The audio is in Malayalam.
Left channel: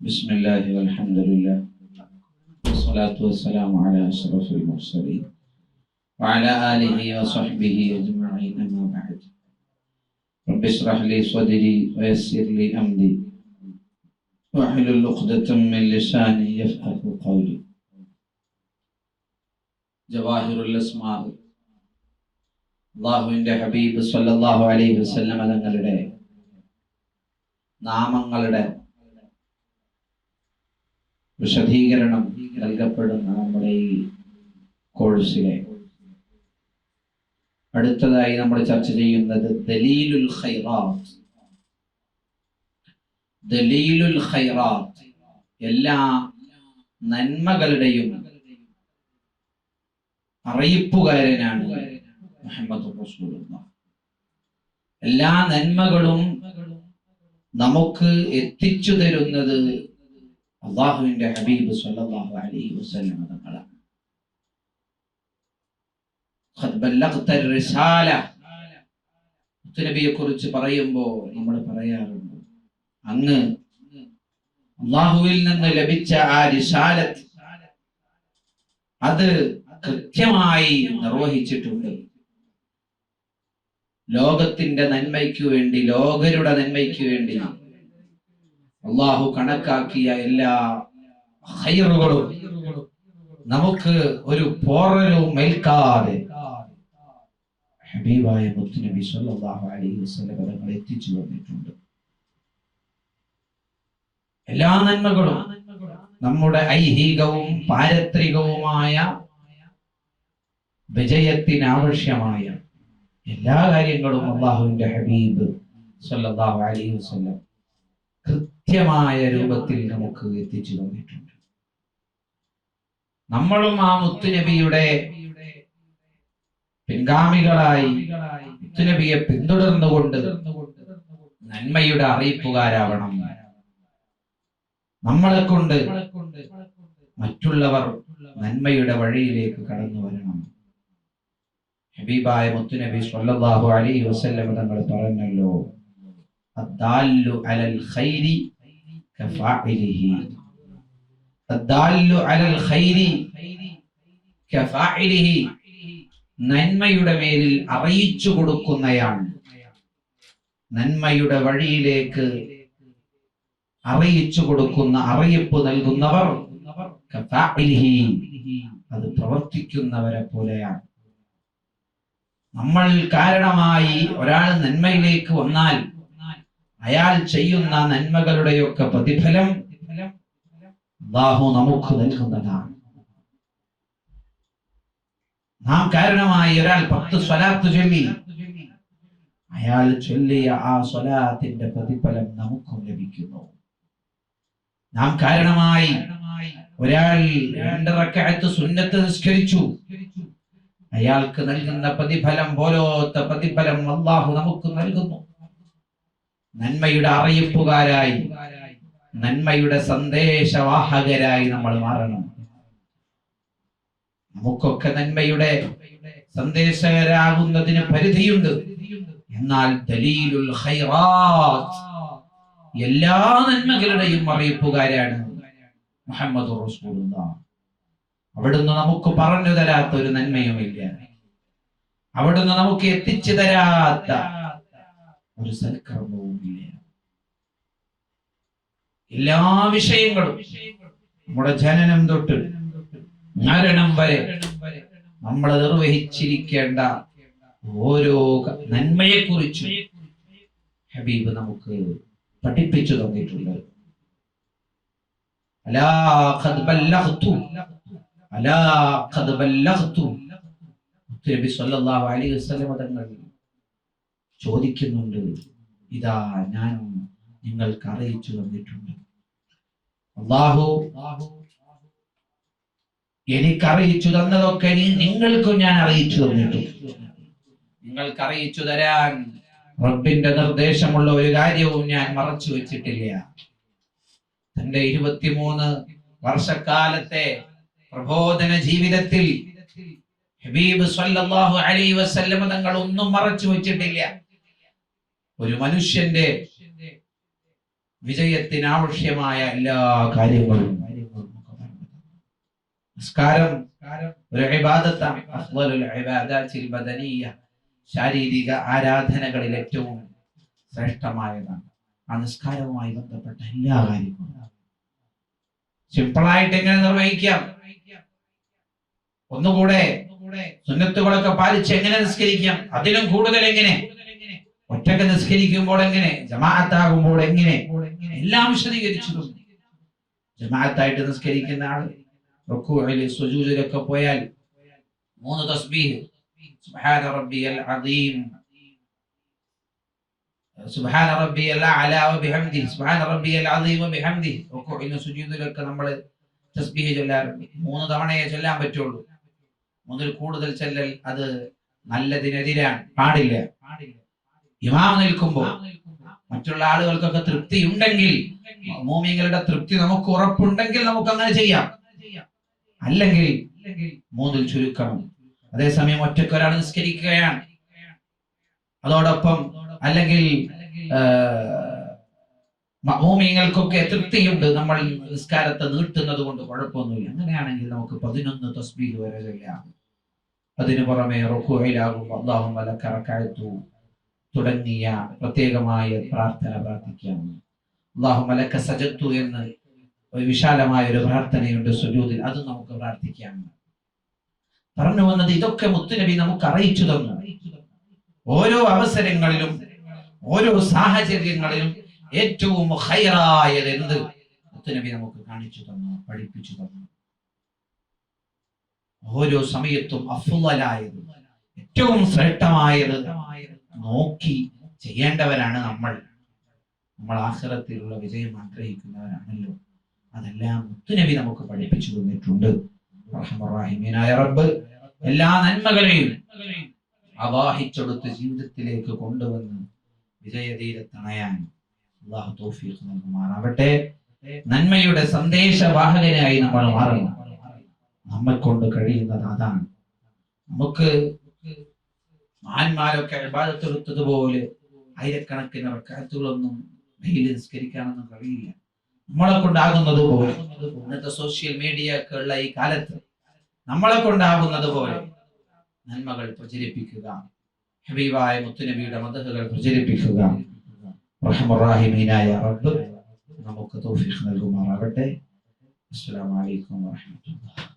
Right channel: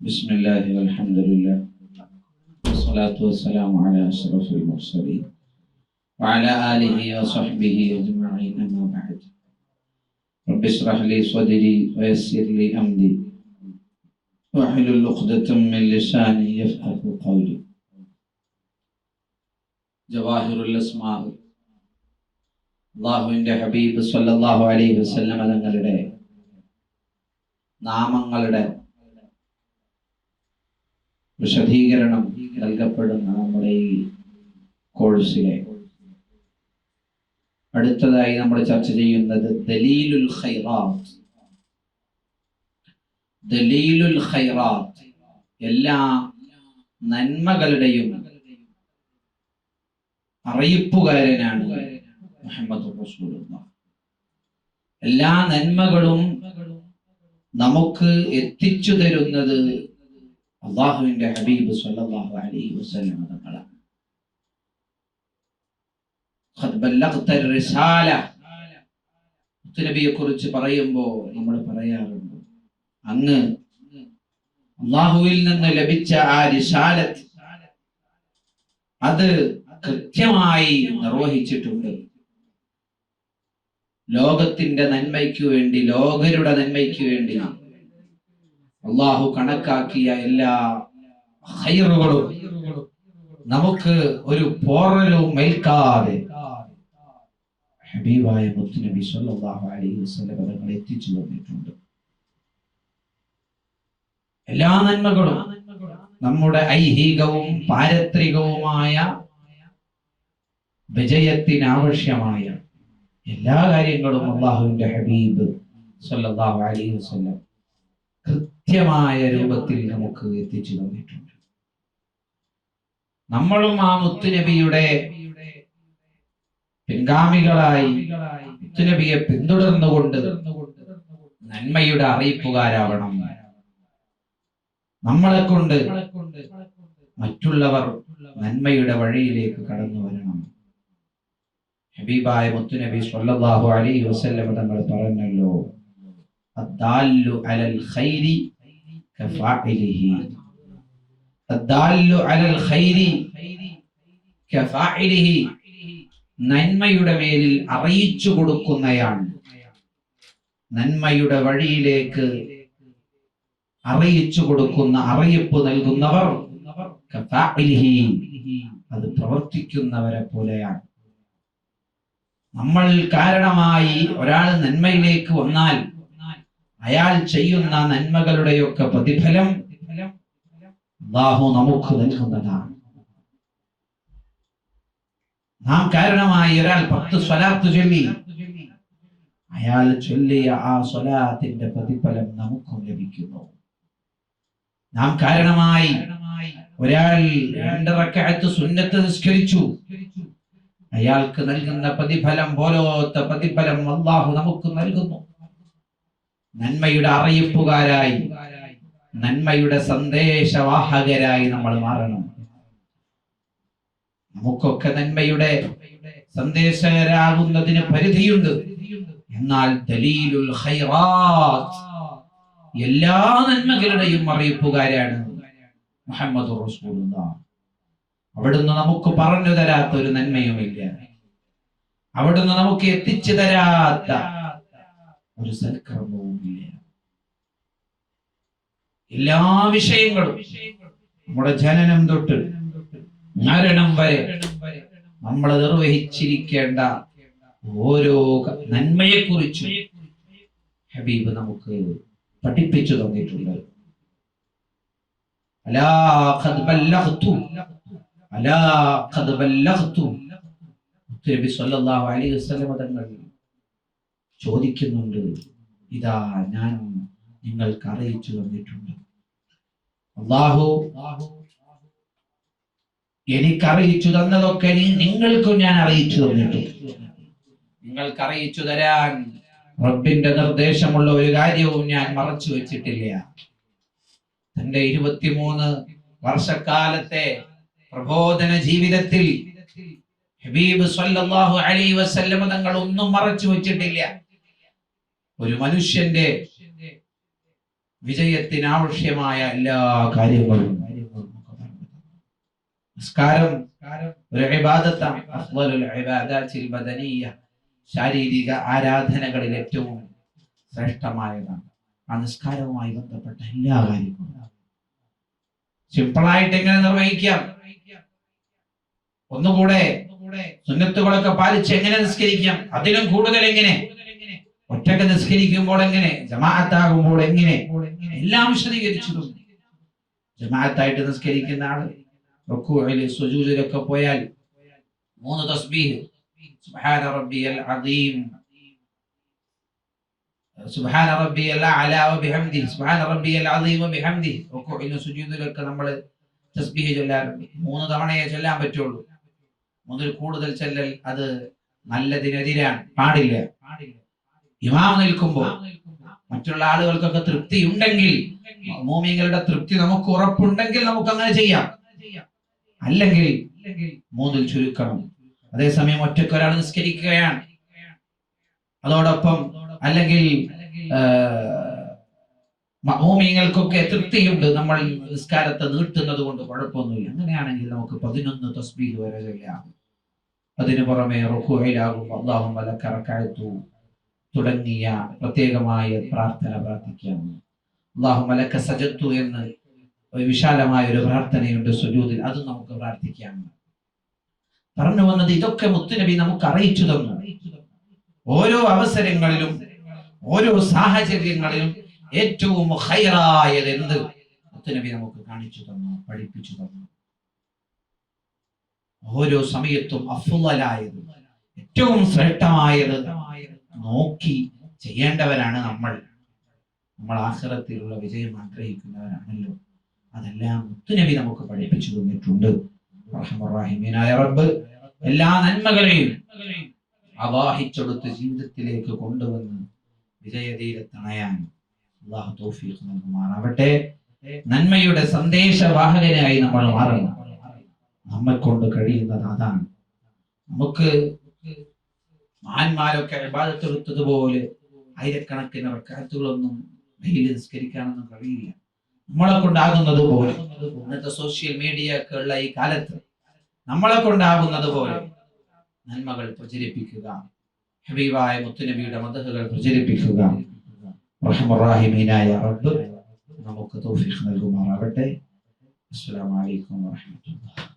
بسم الله والحمد لله والصلاة والسلام على أشرف المرسلين وعلى آله وصحبه أجمعين أما بعد رب اشرح لي صدري ويسر لي أمري واحلل عقدة من لساني يفقه قولي جواهر الأسماء അള്ളാഹുവിൻ്റെ ഹബീബ് സല്ലല്ലാഹു അലൈഹി വസല്ലം തങ്ങളുടെ നാമങ്ങളുടെ വിശദീകരണം നൽകപ്പെടുന്ന നമ്മുടെ ഈ കോഴ്സിലെ. അടുത്തതായി നമ്മൾ ചർച്ച ചെയ്യുന്നത് ദലീലുൽ ഖൈറാത്ത്. ദലീലുൽ ഖൈറാത്ത് എല്ലാ നന്മകളുടെയും അറിയിപ്പുകാരനാണ് മുഹമ്മദ് എല്ലാ നന്മകളും നമുക്ക് എത്തിച്ചു തരുന്നത് അള്ളാഹുവിന്റെ ഹബീബ് സല്ലല്ലാഹു അലൈഹി വസല്ലം തങ്ങളാണ് നബിയെ കുറിച്ച് പറയുമ്പോൾ നമ്മൾ പറയാറുണ്ട് അങ്ങ് അള്ളാഹുവിൽ നിന്ന് ലഭിച്ച ആ റിസാലത്ത് അത് കൃത്യമായി നിർവഹിച്ചിട്ടുണ്ട്. ലോകത്തിന്റെ നന്മയ്ക്ക് വേണ്ടി ലോകരുടെ നന്മയ്ക്ക് വേണ്ടി അള്ളാഹു കണക്കാക്കിയ എല്ലാ ഹൈറുകളും നമുക്ക് ഒരു പോറലും മേൽക്കാതെ ഹബീബായ മുത്തുനബി സല്ലല്ലാഹു അലൈഹി വസല്ലം തങ്ങൾ എത്തിച്ചു എല്ലാ നന്മകളും നമ്മുടെ ഐഹികവും പാരത്രികവുമായ വിജയത്തിനാവശ്യമായ എല്ലാ കാര്യങ്ങളും അള്ളാഹുവിന്റെ ഹബീബ് സല്ലല്ലാഹു അലൈഹി വസല്ലം കൃത്യമായ രൂപത്തിൽ നമുക്ക് എത്തിച്ചു തന്നിട്ടുണ്ട്. നമ്മളും ആ മുത്തുനബിയുടെ പിൻഗാമികളായി മുത്തുനബിയെ പിന്തുടർന്നുകൊണ്ട് നന്മയുടെ അറിയിപ്പുകാരാവണം. നമ്മളെ കൊണ്ട് മറ്റുള്ളവർ നന്മയുടെ വഴിയിലേക്ക് കടന്നു വരണം. ഹബീബായ മുത്തുനബി സ്വല്ലല്ലാഹു അലൈഹി വസല്ലം തങ്ങൾ പറഞ്ഞല്ലോ. അലൽ ഖൈരി അലൽ ഖൈരി നന്മയുടെ മേലിൽ അറിയിച്ചു കൊടുക്കുന്നയാണ് നന്മയുടെ വഴിയിലേക്ക് അറിയിച്ചു കൊടുക്കുന്ന അറിയിപ്പ് നൽകുന്നവർ അത് പ്രവർത്തിക്കുന്നവരെ പോലെയാണ്. നമ്മൾ കാരണമായി ഒരാൾ നന്മയിലേക്ക് വന്നാൽ അയാൾ ചെയ്യുന്ന നന്മകളുടെയൊക്കെ പ്രതിഫലം അള്ളാഹു നമുക്ക് നൽകുന്നതാണ്. നാം കാരണമായി ഒരാൾ പത്ത് സ്വലാത്ത് ചൊല്ലി. അയാൾ ചൊല്ലിയ ആ സ്വലാത്തിന്റെ പ്രതിഫലം നമുക്കും ലഭിക്കുന്നു. നാം കാരണമായി ഒരാൾ രണ്ടറക്കാലത്ത് സുന്നത്ത് നിസ്കരിച്ചു. അയാൾക്ക് നൽകുന്ന പ്രതിഫലം പോലോത്ത പ്രതിഫലം അള്ളാഹു നമുക്ക് നൽകുന്നു. നന്മയുടെ അറിയിപ്പുകാരായി നന്മയുടെ സന്ദേശവാഹകരായി നമ്മൾ മാറണം. നമുക്കൊക്കെ നന്മയുടെ സന്ദേശകരാകുന്നതിന് പരിധിയുണ്ട്. എന്നാൽ ദലീലുൽ ഖൈറാത്ത് എല്ലാ നന്മകളുടെയും അറിയിപ്പുകാരാണ് മുഹമ്മദ് അവിടുന്ന് നമുക്ക് പറഞ്ഞു തരാത്ത ഒരു നന്മയുമില്ല. അവിടുന്ന് നമുക്ക് എത്തിച്ചു തരാത്ത ഒരു സൽക്കർമ്മവും ഇല്ല. എല്ലാ വിഷയങ്ങളും നമ്മുടെ ജനനം തൊട്ട് മരണം വരെ നമ്മൾ നിർവഹിച്ചിരിക്കേണ്ട ഓരോ നന്മയെ കുറിച്ചും ഹബീബ് നമുക്ക് പഠിപ്പിച്ചു തന്നിട്ടുണ്ട്. തങ്ങൾ ചോദിക്കുന്നുണ്ട് ഇതാ ഞാൻ നിങ്ങൾക്ക് അറിയിച്ചു തന്നിട്ടുണ്ട്. അള്ളാഹു എനിക്ക് അറിയിച്ചു തന്നതൊക്കെ നിങ്ങൾക്കും ഞാൻ അറിയിച്ചു തന്നിട്ടുണ്ട്. നിങ്ങൾക്ക് അറിയിച്ചു തരാൻ റബ്ബിന്റെ നിർദ്ദേശമുള്ള ഒരു കാര്യവും ഞാൻ മറച്ചു വെച്ചിട്ടില്ല. തന്റെ ഇരുപത്തിമൂന്ന് വർഷക്കാലത്തെ പ്രബോധന ജീവിതത്തിൽ ഹബീബ് സല്ലല്ലാഹു അലൈഹി വസല്ലം തങ്ങൾ ഒന്നും മറച്ചു വെച്ചിട്ടില്ല. ഒരു മനുഷ്യന്റെ വിജയത്തിന് ആവശ്യമായ എല്ലാ കാര്യങ്ങളും. നിസ്കാരം ഒരു ശാരീരിക ആരാധനകളിൽ ഏറ്റവും ശ്രേഷ്ഠമായതാണ്. ആ നിസ്കാരവുമായി ബന്ധപ്പെട്ട എല്ലാ കാര്യങ്ങളും. സിമ്പിളായിട്ട് എങ്ങനെ നിർവഹിക്കാം? ഒന്നുകൂടെ സുന്നത്തുകളൊക്കെ പാലിച്ച് എങ്ങനെ നിസ്കരിക്കാം? അതിലും കൂടുതൽ എങ്ങനെ ഒറ്റയ്ക്ക് നിസ്കരിക്കുമ്പോൾ എങ്ങനെ? ജമാഅത്താകുമ്പോൾ എങ്ങനെ? എല്ലാം വിശദീകരിച്ചു ജമാഅത്തായിട്ട് നിസ്കരിക്കുന്ന ആൾ റുക്കൂഇൽ സുജൂദിലൊക്കെ പോയാൽ മൂന്ന് തസ്ബീഹ്. സുബ്ഹാന റബ്ബിയൽ അദീം. സുബ്ഹാന റബ്ബിയൽ അഅല ബിഹംദി സുബ്ഹാന റബ്ബിയൽ അദീം ബിഹംദി റുക്കൂഇലും സുജൂദിലൊക്കെ നമ്മൾ തസ്ബീഹ് ചൊല്ലാറുണ്ട് മൂന്ന് തവണയേ ചൊല്ലാൻ പറ്റുള്ളൂ. മുതൽ കൂടുതൽ ചൊല്ലൽ അത് നല്ലതിനെതിരാണ്. പാടില്ല പാടില്ല. ഇമാം നിൽക്കുമ്പോൾ മറ്റുള്ള ആളുകൾക്കൊക്കെ തൃപ്തി ഉണ്ടെങ്കിൽ മോമിങ്ങളുടെ തൃപ്തി നമുക്ക് ഉറപ്പുണ്ടെങ്കിൽ നമുക്ക് അങ്ങനെ ചെയ്യാം. അല്ലെങ്കിൽ മൂന്നിൽ ചുരുക്കണം. അതേസമയം ഒറ്റയ്ക്ക് ഒരാൾ നിസ്കരിക്കുകയാണ്. അതോടൊപ്പം അല്ലെങ്കിൽ മോമിങ്ങൾക്കൊക്കെ തൃപ്തിയുണ്ട്. നമ്മൾ നിസ്കാരത്തെ നീട്ടുന്നത് കൊണ്ട് കുഴപ്പമൊന്നുമില്ല. അങ്ങനെയാണെങ്കിൽ നമുക്ക് പതിനൊന്ന് തസ്ബീഹ് വരെ ചെയ്യാം അതിനു പുറമെ റുക്കുവയിലാകും അള്ളാഹും മലക്കറക്കഴത്തു തുടങ്ങിയ പ്രത്യേകമായ പ്രാർത്ഥന പ്രാർത്ഥിക്കാം അള്ളാഹു മലക്ക സജത്തു എന്ന് വിശാലമായ ഒരു പ്രാർത്ഥനയുണ്ട് സുജൂതിൽ അത് നമുക്ക് പ്രാർത്ഥിക്കാം. പറഞ്ഞു വന്നത് ഇതൊക്കെ മുത്തുനബി നമുക്ക് അറിയിച്ചു തന്നു. ഓരോ അവസരങ്ങളിലും ഓരോ സാഹചര്യങ്ങളിലും ഏറ്റവും ഹൈറായത് എന്ത്? മുത്തുനബി നമുക്ക് കാണിച്ചു തന്നു പഠിപ്പിച്ചു തന്നു. ഓരോ സമയത്തും അഫുലായത് ഏറ്റവും ശ്രേഷ്ഠമായത് നോക്കി ചെയ്യേണ്ടവരാണ് നമ്മൾ. നമ്മൾ ആഹ്റത്തിലുള്ള വിജയം ആഗ്രഹിക്കുന്നവരാണല്ലോ. അതെല്ലാം മുത്തുനബി നമുക്ക് പഠിപ്പിച്ചു തന്നിട്ടുണ്ട്. റബ്ബ് എല്ലാ നന്മകളെയും അവാഹിച്ചെടുത്ത് ജീവിതത്തിലേക്ക് കൊണ്ടുവന്ന് വിജയതീരത്തണയാൻ അള്ളാഹു തൗഫീഖ് നൽകുമാറാവട്ടെ. നന്മയുടെ സന്ദേശവാഹകനായി നമ്മൾ മാറണം. നമ്മെ കൊണ്ട് കഴിയുന്നത് അതാണ്. നമുക്ക് മഹാന്മാരൊക്കെ അഴിബാദത്തെടുത്തതുപോലെ ആയിരക്കണക്കിന് റക്കാത്തുകളൊന്നും വെയിൽ നിസ്കരിക്കാനൊന്നും കഴിയില്ല. നമ്മളെ കൊണ്ടാകുന്നത് പോലെ ഇന്നത്തെ സോഷ്യൽ മീഡിയ ഒക്കെ ഉള്ള ഈ കാലത്ത് നമ്മളെ കൊണ്ടാകുന്നത് പോലെ നന്മകൾ പ്രചരിപ്പിക്കുക ഹബീബായ മുത്തുനബിയുടെ മതഹുകൾ പ്രചരിപ്പിക്കുക. റഹ്മുറാഹിമീനായ റബ്ബ് നമുക്ക് തൗഫീഖ് നൽകുമാറാകട്ടെ. അസ്സലാമു അലൈക്കും വറഹ്മത്തുള്ളാഹി